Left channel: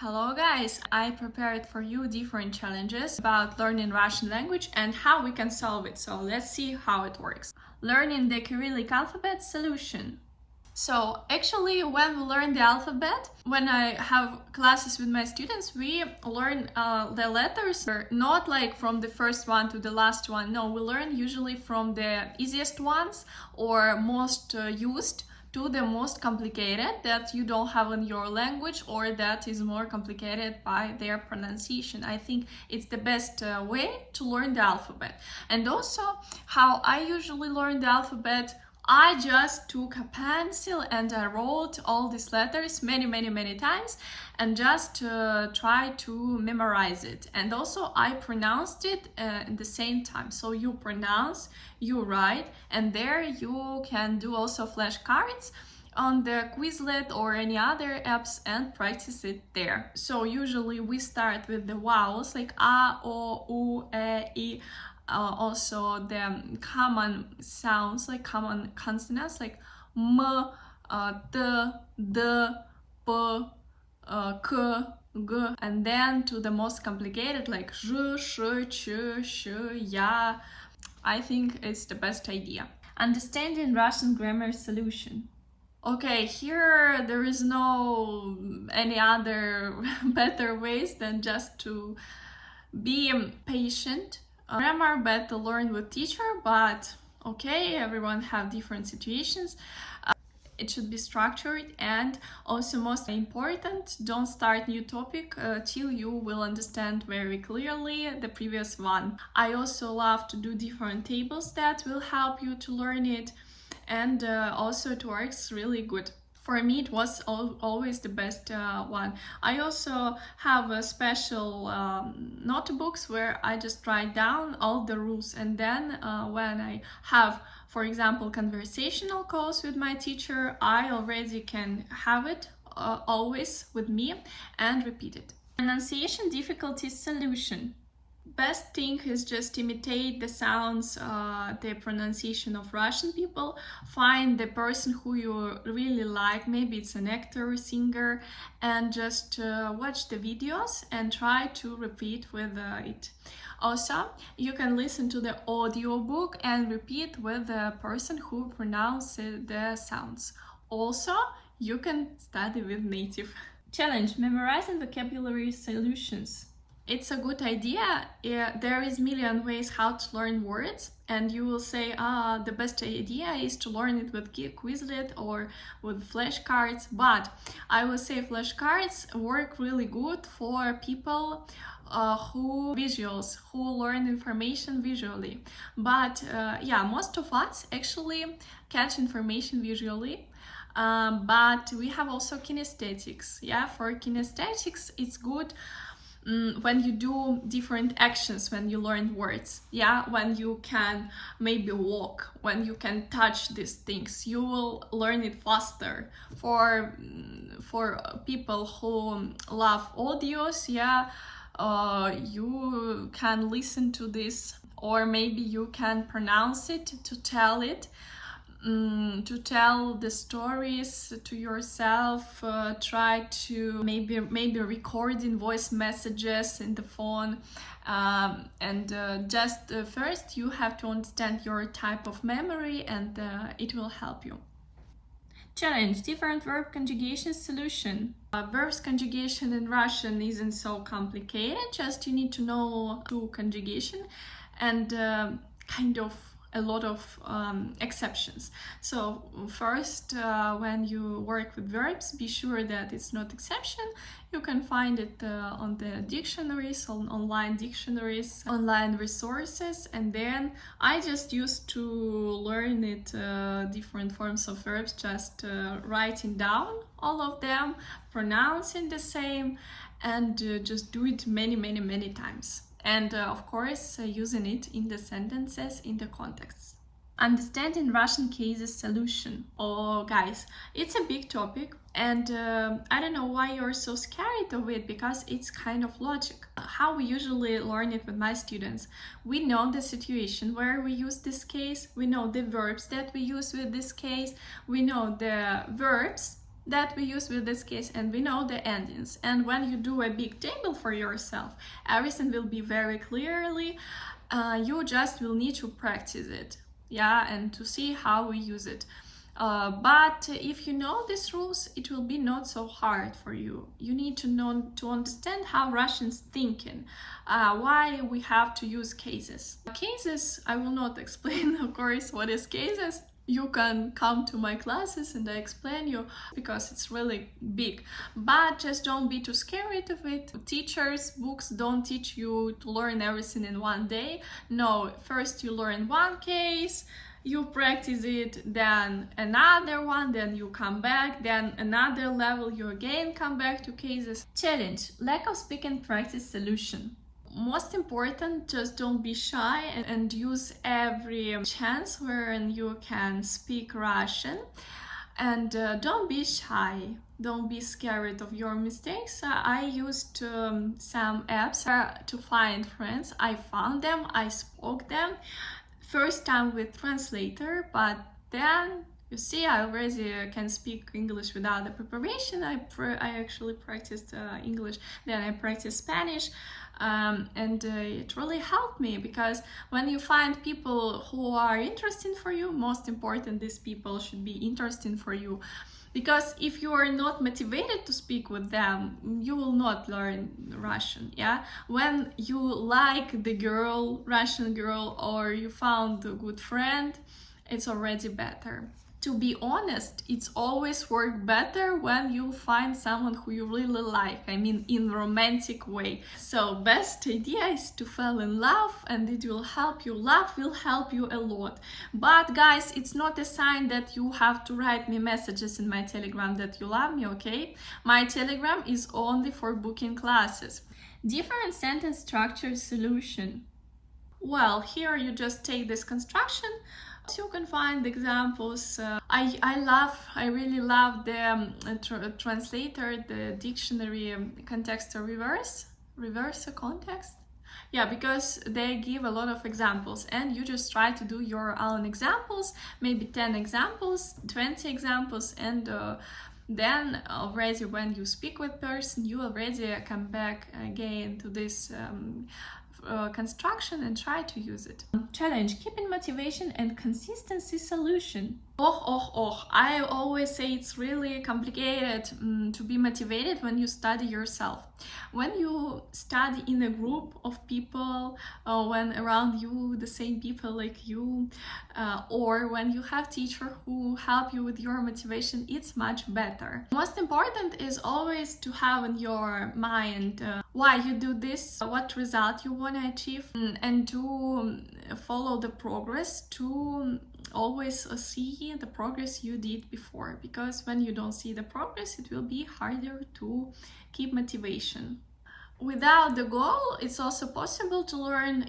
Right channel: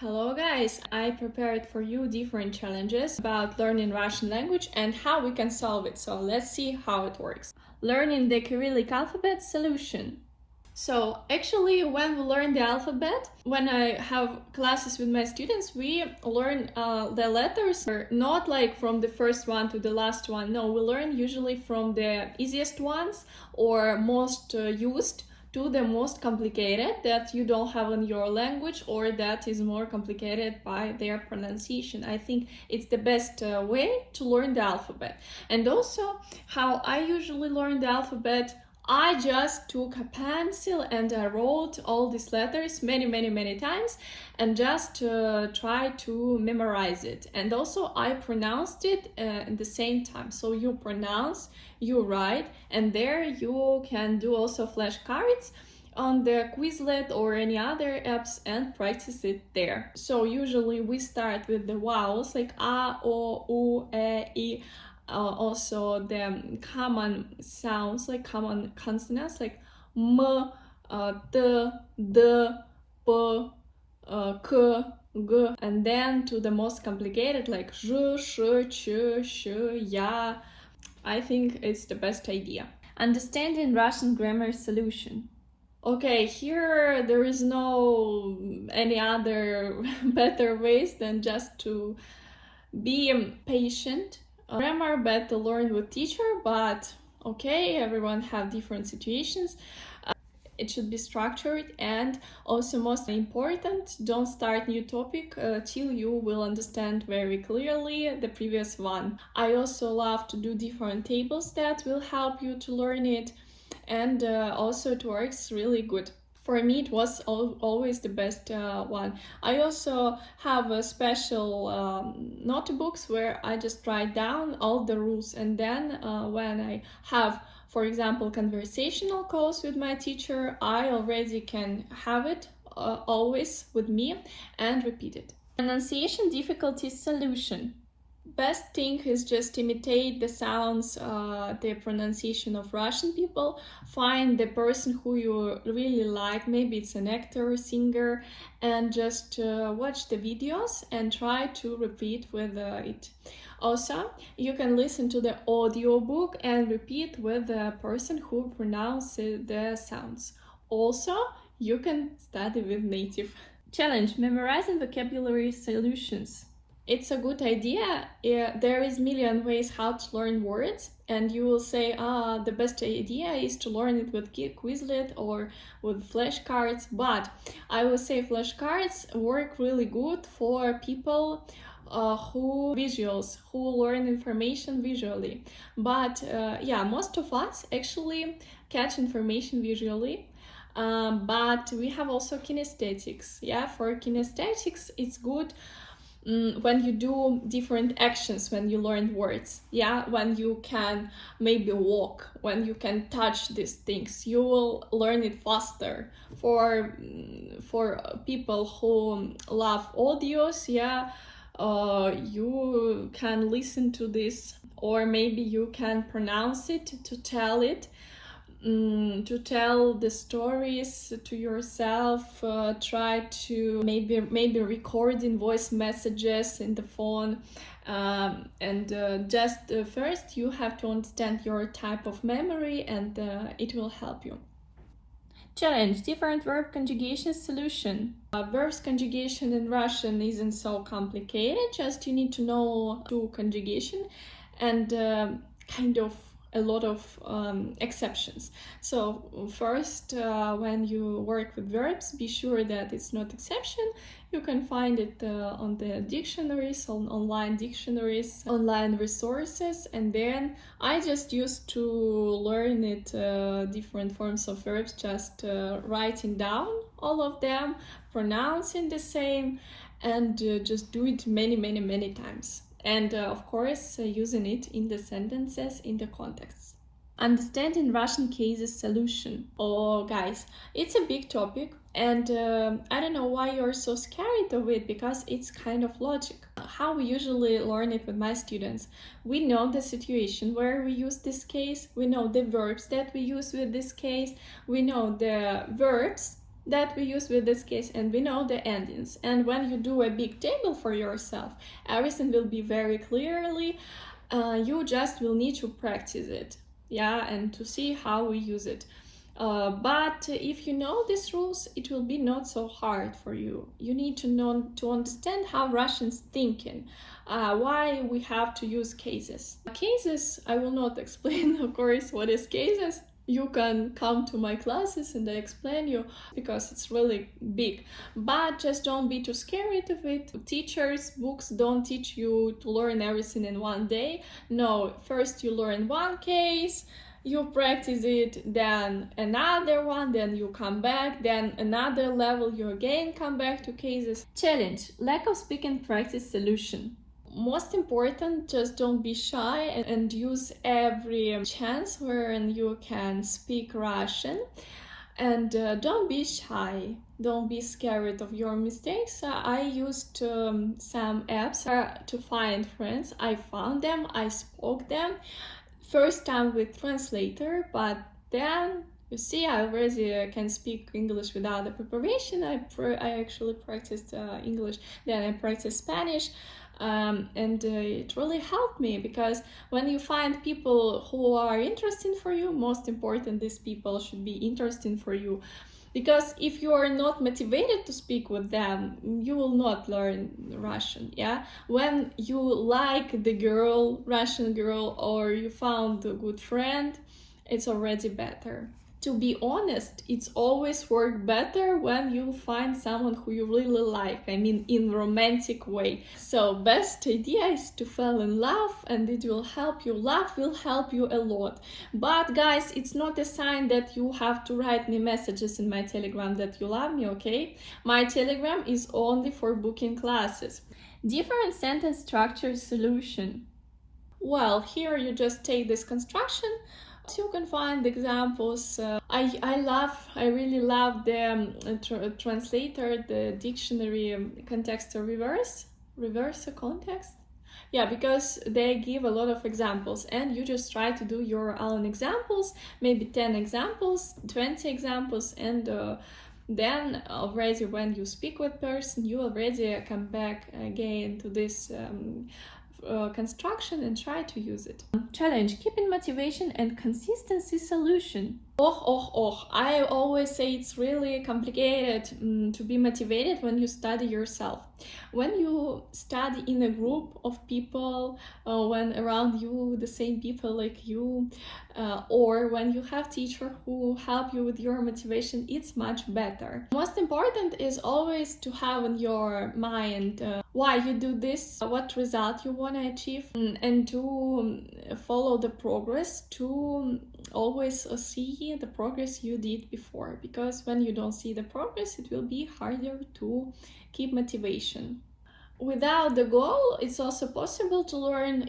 Hello guys, I prepared for you different challenges about learning Russian language and how we can solve it. So let's see how it works. Learning the Cyrillic alphabet solution. So actually when we learn the alphabet, when I have classes with my students, we learn the letters not like from the first one to the last one. No, we learn usually from the easiest ones or most used to the most complicated that you don't have in your language or that is more complicated by their pronunciation. I think it's the best way to learn the alphabet. And also how I usually learn the alphabet, I just took a pencil and I wrote all these letters many times and just try to memorize it. And also I pronounced it at the same time. So you pronounce, you write, and there you can do also flashcards on the Quizlet or any other apps and practice it there. So usually we start with the vowels like A, O, U, E, I. Also the common sounds, like common consonants like M, T, D, P, K, G, and then to the most complicated like J, Sh, Ch, Sh, Ya. I think it's the best idea. Understanding Russian grammar solution. Okay, here there is no any other better ways than just to be patient. Grammar better learn with teacher, but okay, everyone have different situations. It should be structured, and also most important, don't start new topic till you will understand very clearly the previous one. I also love to do different tables that will help you to learn it, and also it works really good. For me, it was always the best one. I also have a special notebooks where I just write down all the rules, and then when I have, for example, conversational calls with my teacher, I already can have it always with me and repeat it. Pronunciation difficulties solution. Best thing is just imitate the sounds, the pronunciation of Russian people. Find the person who you really like, maybe it's an actor or singer, and just watch the videos and try to repeat with it. Also, you can listen to the audiobook and repeat with the person who pronounces the sounds. Also, you can study with native. Challenge: memorizing vocabulary solutions. It's a good idea. There is million ways how to learn words, and you will say, the best idea is to learn it with Quizlet or with flashcards. But I will say flashcards work really good for people who learn information visually. But yeah, most of us actually catch information visually. But we have also kinesthetics. Yeah, for kinesthetics, it's good when you do different actions, when you learn words, yeah, when you can maybe walk, when you can touch these things, you will learn it faster. For people who love audios, yeah, you can listen to this, or maybe you can pronounce it to tell it. To tell the stories to yourself, try to maybe recording voice messages in the phone, and just first you have to understand your type of memory, and it will help you. Challenge: different verb conjugation solution. Verbs conjugation in Russian isn't so complicated, just you need to know two conjugation and kind of a lot of exceptions. So first, when you work with verbs, be sure that it's not exception. You can find it on the dictionaries, on online dictionaries, online resources, and then I just used to learn it different forms of verbs, just writing down all of them, pronouncing the same, and just do it many times. And of course, using it in the sentences, in the context. Understanding Russian cases solution. Oh, guys, it's a big topic, and I don't know why you're so scared of it, because it's kind of logic. How we usually learn it with my students. We know the situation where we use this case, we know the verbs that we use with this case, we know the verbs that we use with this case, and we know the endings. And when you do a big table for yourself, everything will be very clearly. You just will need to practice it, yeah, and to see how we use it. But if you know these rules, it will be not so hard for you. You need to know to understand how Russians thinking, why we have to use cases. Cases, I will not explain, of course, what is cases. You can come to my classes and I explain you, because it's really big. But just don't be too scared of it. Teachers, books don't teach you to learn everything in one day. No, first you learn one case, you practice it, then another one, then you come back, then another level, you again come back to cases. Challenge: lack of speaking practice solution. Most important, just don't be shy and use every chance wherein you can speak Russian. And don't be shy, don't be scared of your mistakes. I used some apps to find friends. I found them, I spoke them. First time with translator, but then you see I already can speak English without the preparation. I actually practiced English, then I practiced Spanish. And it really helped me, because when you find people who are interesting for you, most important, these people should be interesting for you. Because if you are not motivated to speak with them, you will not learn Russian, yeah? When you like the girl, Russian girl, or you found a good friend, it's already better. To be honest, it's always worked better when you find someone who you really like, I mean in romantic way. So best idea is to fall in love, and it will help you. Love will help you a lot. But guys, it's not a sign that you have to write me messages in my Telegram that you love me, okay? My Telegram is only for booking classes. Different sentence structure solution. Well, here you just take this construction. You can find examples. I really love the translator, the dictionary context reverse context. Yeah, because they give a lot of examples, and you just try to do your own examples, maybe 10 examples, 20 examples, and then already when you speak with person, you already come back again to this construction and try to use it. Challenge: keeping motivation and consistency solution. I always say it's really complicated to be motivated when you study yourself. When you study in a group of people, when around you the same people like you, or when you have teacher who help you with your motivation, it's much better. Most important is always to have in your mind why you do this, what result you want to achieve, and to follow the progress, to always see the progress you did before, because when you don't see the progress, it will be harder to keep motivation. Without the goal, it's also possible to learn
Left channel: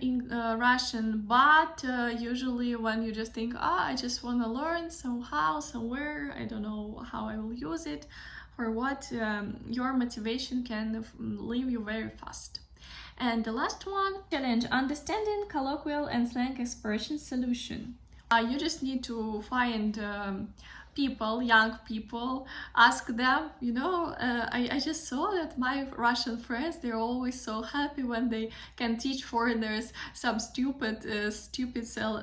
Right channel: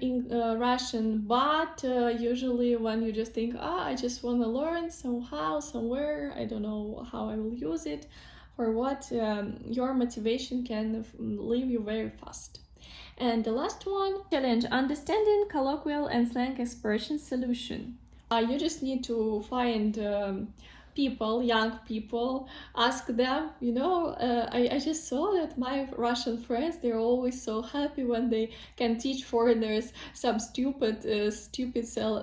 Russian, but usually when you just think, I just want to learn somehow, somewhere, I don't know how I will use it, for what, your motivation can leave you very fast. And the last one, challenge: understanding colloquial and slang expression solution. You just need to find people, young people, ask them, I just saw that my Russian friends, they're always so happy when they can teach foreigners some stupid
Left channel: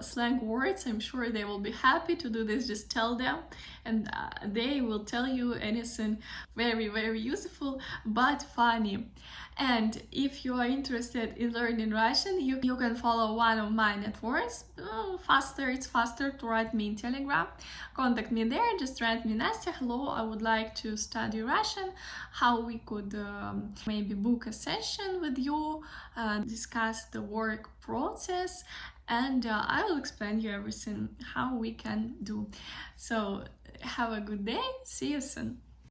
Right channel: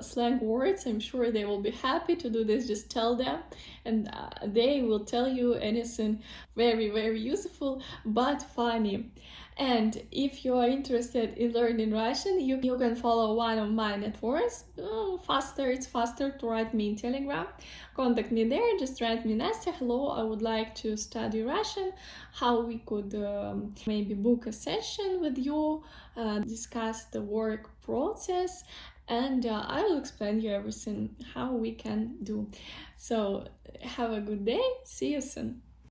slang words. I'm sure they will be happy to do this. Just tell them, and they will tell you anything very, very useful but funny. And if you are interested in learning Russian, you can follow one of my networks. It's faster to write me in Telegram. Contact me there, just write me, Nastya, hello, I would like to study Russian. How we could maybe book a session with you, discuss the work process, and I will explain you everything, how we can do. So have a good day, see you soon.